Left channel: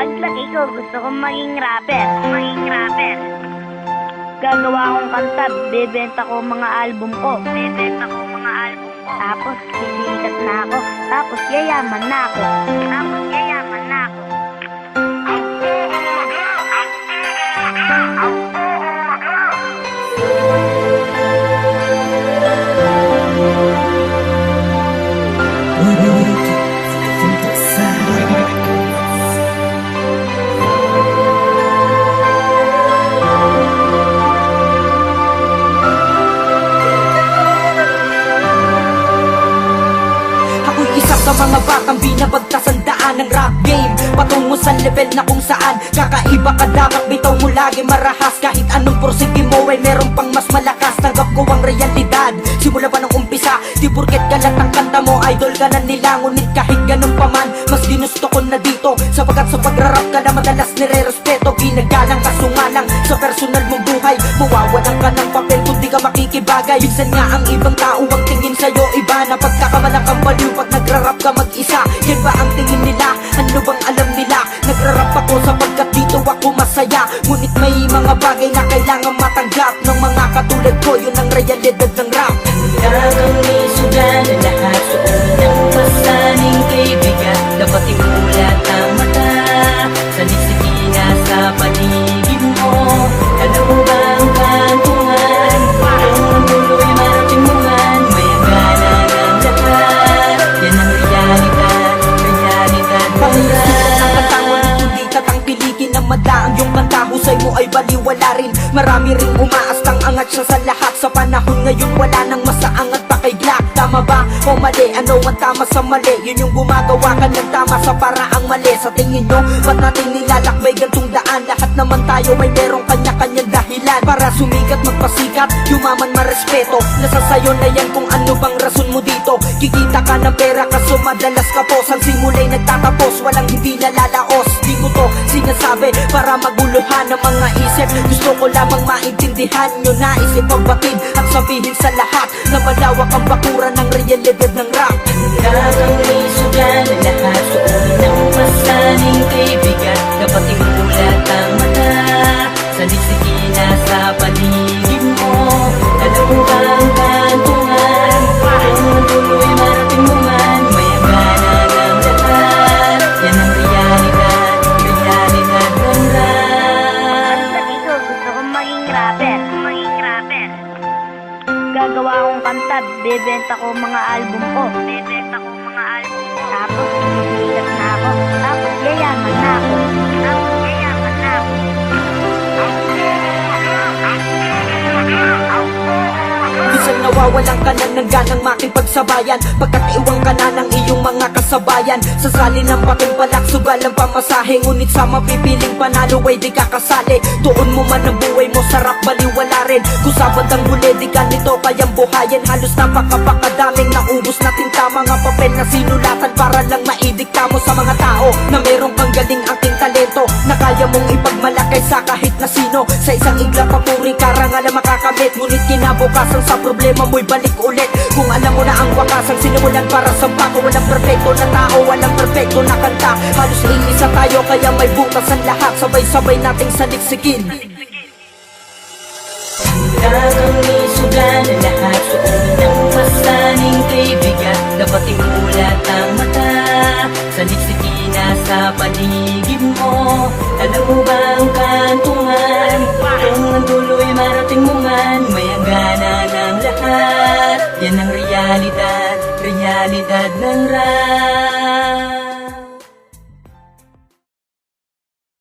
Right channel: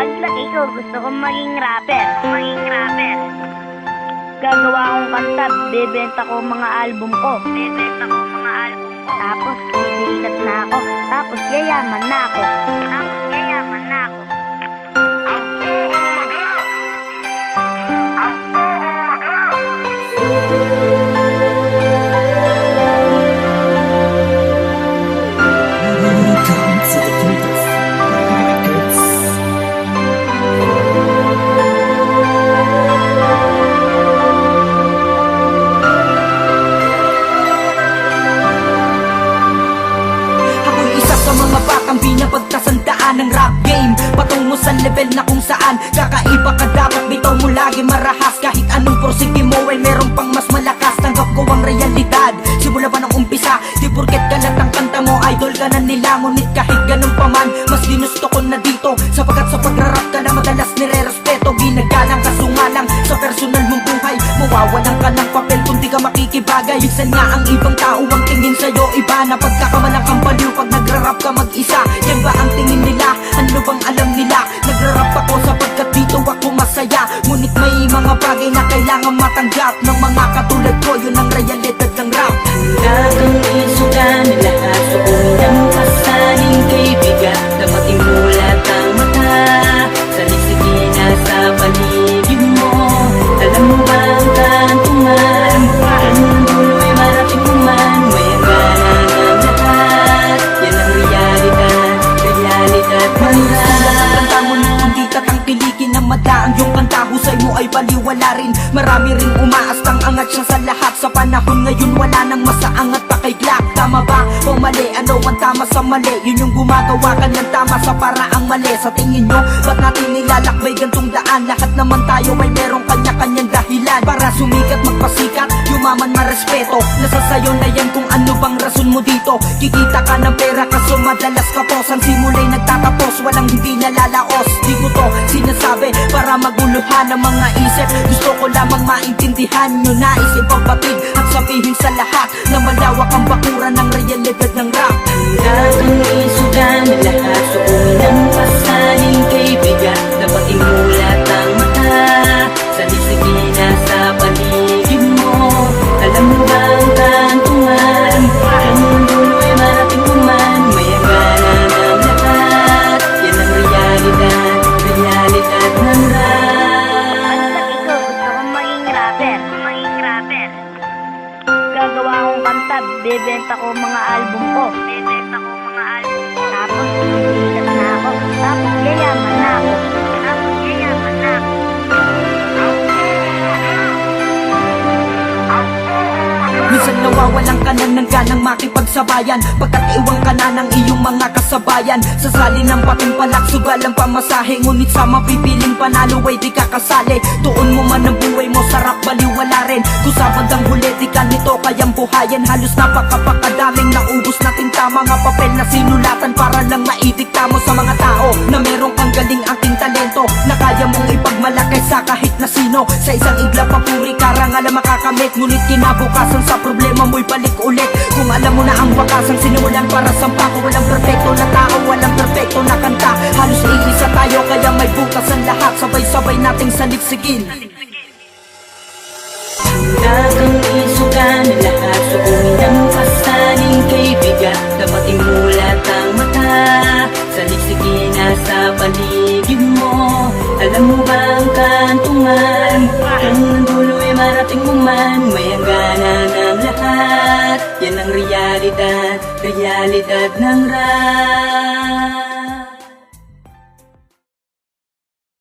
Paglaki ko, gusto kong maging rapper. Gagawa akong kanta, bebenta ko mga album ko. Tapos sisikat na ako. Tapos yayaman na ako. Sa mga batang binabagkasandaan ng rap game, patungo sa level na kung saan kakaiba ka, dapat bitaw mo lagi marahas. Kahit anong porsige mo ay meron pang mas malakas. Tanggap ko ang realidad, simula pa ng umpisa. Di porket galat ang kanta mo, idol ka na nila. Ngunit kahit ganun pa man, mas ginusto ko na dito, sapagkat sa pagrarap ka na madalas nire-respeto. Ginagalang ka, sumalang sa personal mong buhay. Mawawalan ka ng papel kung di ka makikibagay. Minsan nga ang ibang tao ang tingin sa'yo iba, na pagkakamalang kang baliw pag nagrarap ka mag-isa. Yan ba ang tingin nila? Ano bang alam nila? Nagrarap ako sapagkat dito ako masaya. Ngunit may mga bagay na kailangan matanggap ng mga katulad ko, yun ang realidad ng rap. Hanggang isugan na lahat, suoy ng pasaning kaibigan. Dapat imulat ang mata sa lisigina sa paligid mo. Alam mo ba ang kantungan? Ang dulo'y marating mo man, mayagana ng lahat. Yan ang realidad ng Sulat ang kanta, ngunit hindi tatangkilikin ng mada ang iyong kanta. Husay mo ay baliwala rin. Marami ring umaastang angat siya sa lahat. Sa panahon ngayon wala nang masaangat pa kay Glock. Tama ba o mali? Ano ang tama sa mali? Yun yung gumagawa ka ng tama sa paraang mali. Sa tingin nyo, ba't natin nilalakbay gantong daan? Lahat naman tayo may merong kanya-kanyang dahilan para sumikat, magpasikat, yumaman, marespeto. Nasa sayo na yan kung ano bang rason mo dito. Kikita ka ng pera kaso madalas kapos. Ang simula'y nagtatapos, walang hindi nalalaos. Di ko to sinasabi para maguluhan ang mga isip. Gusto ko lamang maintindihan nyo, nais ipabatid at sabihin sa lahat na malawak ang bakuran ng realidad ng rap. Hanggang isugan na lahat, suoy ng pasaning kaibigan. Dapat imulat ang mata sa lisigina sa paligid mo. Alam mo ba ang kantungan? Ang dulo'y marating mo man, mayagana ng lahat. Yan ang realidad ng rap. Paglaki ko, gusto kong maging rapper. Gagawa akong kanta, bebenta ko mga album ko. Tapos sisikat na ako. Tapos yayaman na ako. Minsan nawawalan ka na ng ganang makipagsabayan, pagkat iwang ka na ng iyong mga kasabayan. Sasali ng patimpalak, sugal ang pamasahe. Ngunit sa mapipiling panalo ay di ka kasali. Tuon mo man ang buhay mo, sarap baliwala rin. Kung sa bandang huli di ka nito kayang buhayin. Halos napakapakadaming naubos na tinta, mga papel na sinulatan para lang maidikta mo sa mga tao na merong kang galing aking talento, na kaya mong ipagmalakay sa kahit na sino. Sa isang igla papuri karangal ang makakamit, ngunit kinabukasan sa problema mo'y balik ulit. Kung alam mo na ang wakas ang sinimulan para sa bako. Walang perfecto na tao, walang perfecto na kanta. Halos iisa tayo kaya may butas ang lahat. Sabay-sabay nating saliksikin. Hanggang isugan na lahat, suoy ng pasaning kaibigan. Dapat imulat ang mata sa lisigina sa paligid mo. Alam mo ba ang kantungan? Ang dulo'y marating mo man, mayagana ng lahat. Yan ang realidad ng rap.